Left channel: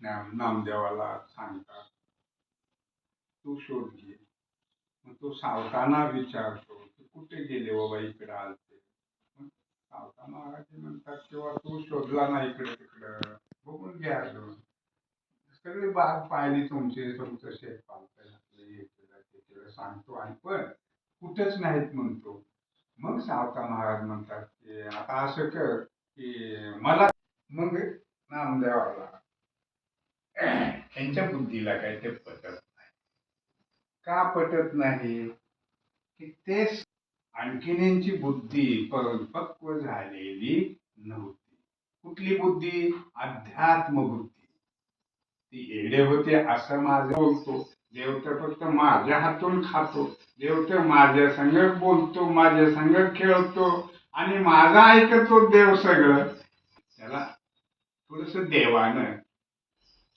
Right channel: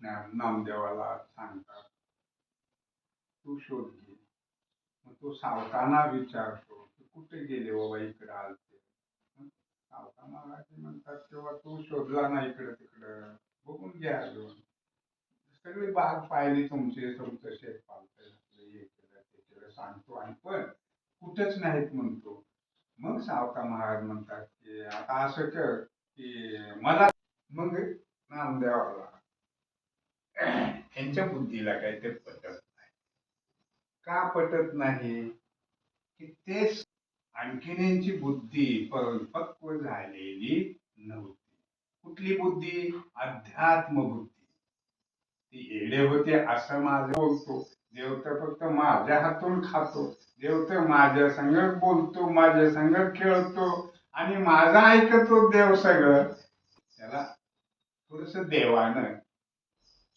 नाम- नामदेवाला सांगतात. तू शोध घे मग तो सावताना विचारतो कुठे गेले बाबा इकडे आलते? सावता महाराज म्हणतात तेव्हा तू शोधला ना इकडे तिकडं. बघून घ्या अजून. सगळी बाग पाहिली तुमची तुमचं शेत पालतं सांगतो आणि पण कुठंच नाहीत म्हणतो. मग सावता महाराज म्हणतात की आता असं कर की मला मग नामदेवाला त्यांच्या बुद्धीला काय ते पटत नाही. का पटत नाही? की तेच आणखीनची बुद्धी परिपक्व झालेली नव्हती. कुठली बुद्धी? अध्यात्म बुद्धी. ती येडे होते असं माझं बोलतो. देव तर फक्त माझ्या हातून खातो देव तर माझ्या संग बोलतो माझ्या संग खेळतो आणि माझा ऐकतो देव सगळं त्याला थोडस देवानं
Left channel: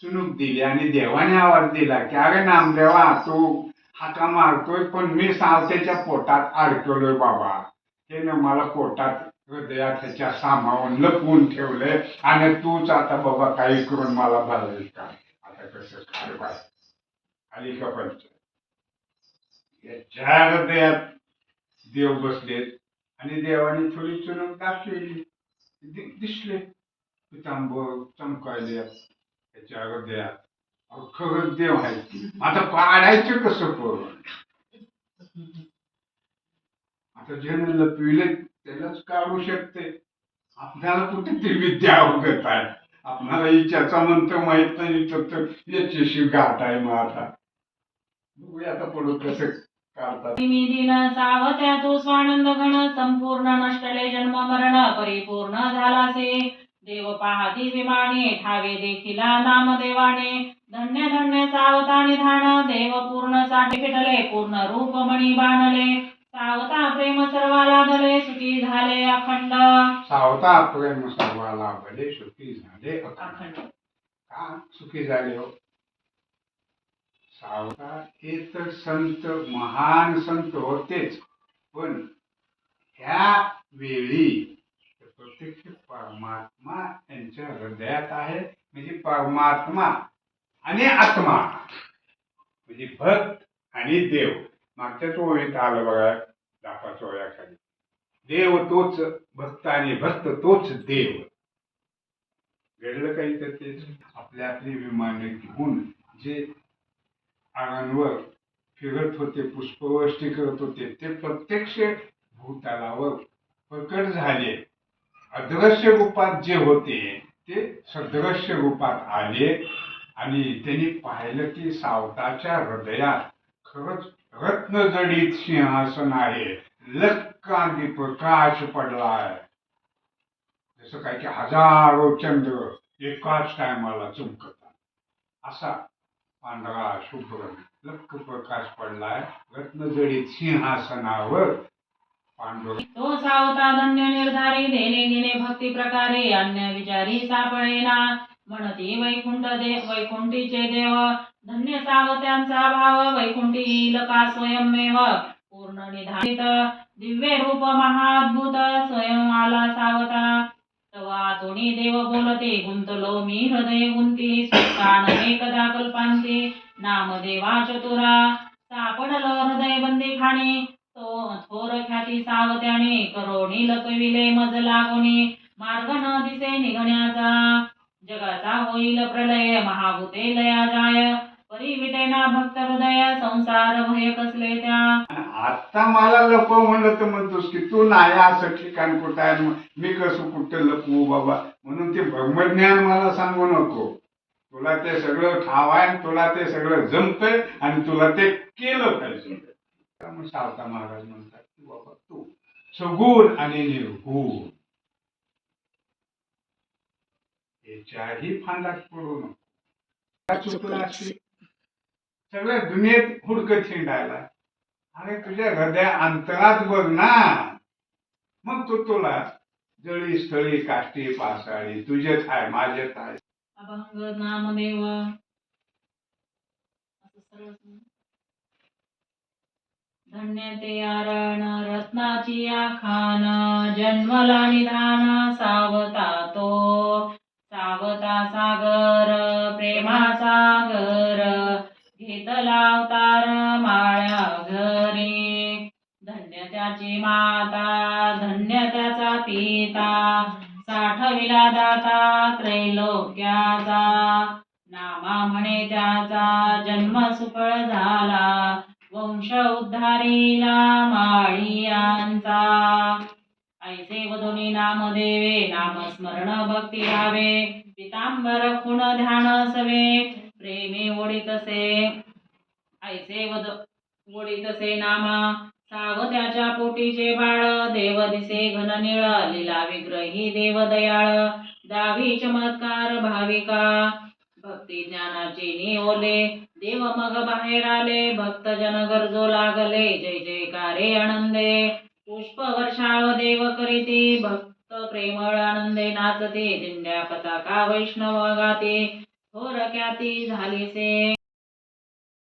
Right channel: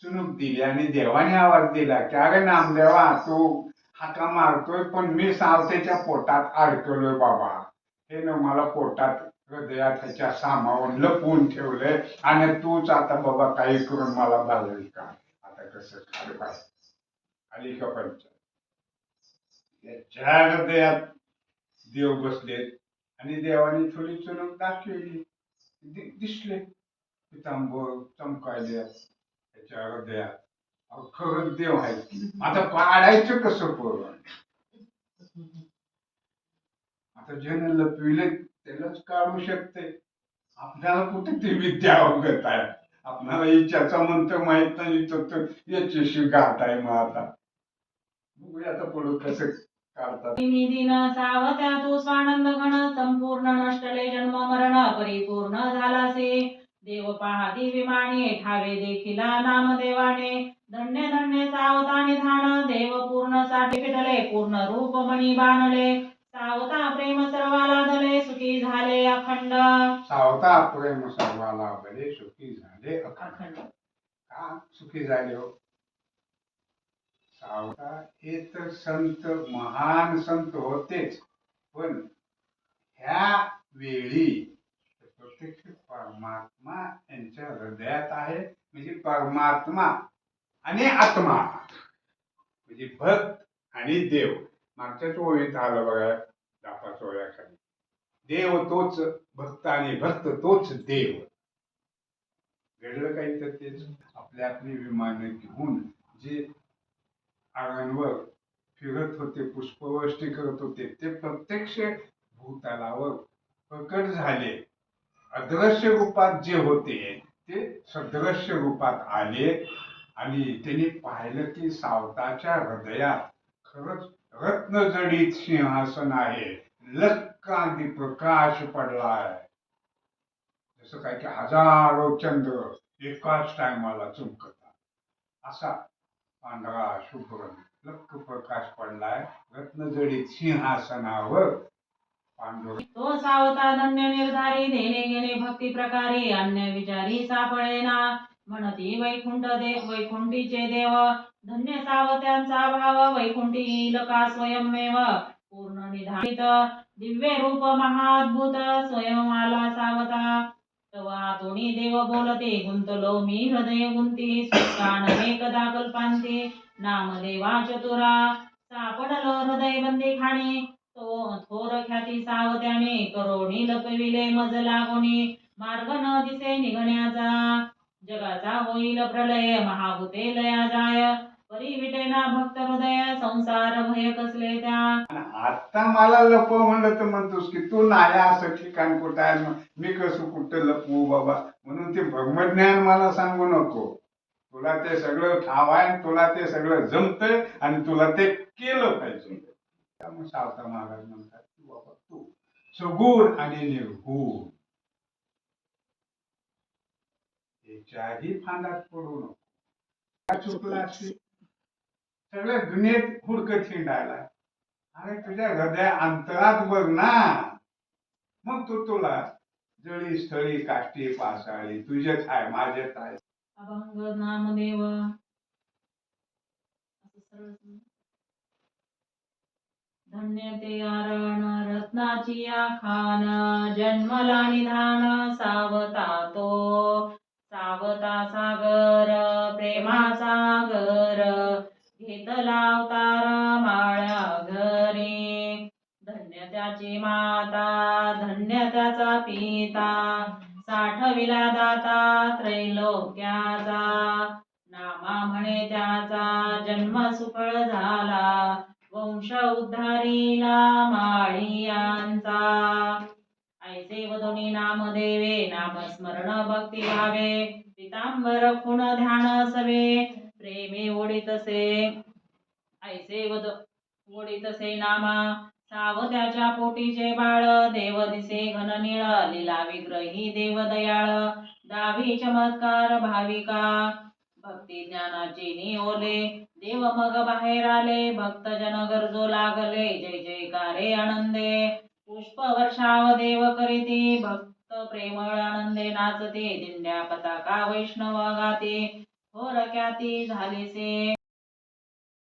चुनूक दिली आणि देवाने आवाज दिला की अरे नामदेवा तू हाका मारतोय पण मी सावतेच्या पोटात अडकलोय बाबा. हे न मला पोटात हृदयात ह्याच्या सामावून लपवून ठेवलंय आणि तूच आता बाबा काही करून मला घालेल का? आता कसं खरं आली का पंच? याच्या हृदयात देव बसलेत आणि देवाने थोडी चुनूक दाखवली. दिसले. पितांबर चमकायले. त्याच्या अयोध्या अहो, खरंच देव आहे. आता पाडायचं कसं करून आता ज्यानं लपविले त्यालाच काढू शकते. आपल्याला कुठे ती विद्या अवगत आहे? आपल्याला इच्छाचा मंत्र माहीत नाही तर याच्याशी गाठ आहे मग आता. बघूया आता पुढं कसं दिन सावत्या तो स्वानंद घन संपूर्ण नष्टले जन्म मरण परिपूर्ण झालासे. देव पाहती विमाने ठावे देखिला नामदेवाने. धन्य धन्य सावता निधान देव पूर्णसाठी फिटले पूर्ण रूप मणी बाणले. सावता प्रेम सर्वाला दले सुखी झाले अखंड. सावता प्रेम सर्वाला भले सुखी झाले अखंड. अखंड. का सुखी झाले हो? सावता हे तर संत महान संत होतेच. पण ह्या वेळी प्रत्यक्ष परमात्मा यांच्या हृदयात आहे. म्हणजे परमात्मा आणि आत्मा. म्हणजे भक्त आणि देव. मागच्याच ओळीत आलं बघा दापाच ओळ्याखाली देव तोच भक्त आणि भक्त तोच देव. घडलं काही तर तेच. आपल्या आपली विमाने घेऊन जे आळांवर फिरत होते पुष्पवृष्टी करत होते ते प्रत्यक्ष भूतालावर प्रकट झाले. अदृश्य रूपात जे होते ते सदृश्य रूपात आले आणि त्यांनी पाहिलं की सावताच्या हृदयात खरंच रत्नजडीत सिंहासन आहे. लक्कांती प्रकाश पडलाय. जसं काय की हजारो चंद्र एकाच टायमाला चमकतात. असा पांढरा शुभ्र लक्क प्रकाश पडलाय. रत्नजडीत सिंहासनावर तो सावता धन्य निर्धारी देणे घेणे भक्ती प्रकारे अन्य विचारी सापळेना म्हणती वैकुंठ दे वैकुंठीचे देव. धन्य सावत्यांचा भाव वैकुंठी येईल का स्वयंमेव. पूर्ण निधारित दिव्य रूप महाद्भुत स्वयं आला सावता. तवा तुणी देव बोलते गुंतलो मी हृदय गुंती सुखान एकदा कल्पांती. नामदेवा चतुरा सापडलो हृदय बंदी खाणी. तो थोर ख्याती सावत्याने करोणी लपविले मज लागोनी मार्ग न दिसे निघण्याचा. जगाचा होईल प्रलय महाभूते लया जाय. परी विटेना भक्त हृदय संसार भय कसले त्या. आता मला लपव म्हणलं तर म्हणतोस की तू नाही असं ठिकाण कुठं आहे? मग मी कसं कुठं लपवू बाबा? म्हणून ते ब्रह्मज्ञान मला सांगू नको. तुला ते सगळं ठाव आहे तुला ते सगळं जमतंय आणि तुला ते केलं पाहिजे. त्यामुळे सावता महाराज म्हणतात की बाबा तू सगुण आणि निर्गुण. याच्याही फांदात पडू नको. चुकलं. सगळ्या दुनियेत हुडकत हिंडायला अरे तुझ्या हृदया अंतरात बघ ना. मग तो तुला जळी स्थळी काष्टी पासाळी तुझ्यात आहे माझ्यात आहे अभंग नामदेव. असं सरळ सांग. धन्य ते आरण रत्नाची आखान जन्मला निधान सावता तो सावता सागर प्रेमाचा घर घेतला अवतार माळ्या घरी. धन्य त्याची माता धन्य त्याचा पिता. साठविला दाता त्रैलोक्याचा. नामा म्हणे त्याचा जन्म सुफळ झाला. वंश उद्धारीला माळियांचा ऐसे वधुनी नाम देवे नाम स्मरण भक्ती भावे पितांबर खुण ध्यान सवे प्रेमी ओढितसे ऐसे वध ओढितसे नामा साव त्याच्या पोटीचे बाळ देव दिसे घन निळ लिला विग्रही देव दयाळ दावी चमत्कार भाविका. भक्ती ज्ञानाची निओले देव मग बाहेर आले भक्त जन गरजो लागले जय जयकारे आनंदे. पुष्प वर्षाव देव करीते भक्त प्रेमळ आनंदे नाचते दिंड्या पताका वैष्णव गाते थोर ख्याती झालीसे.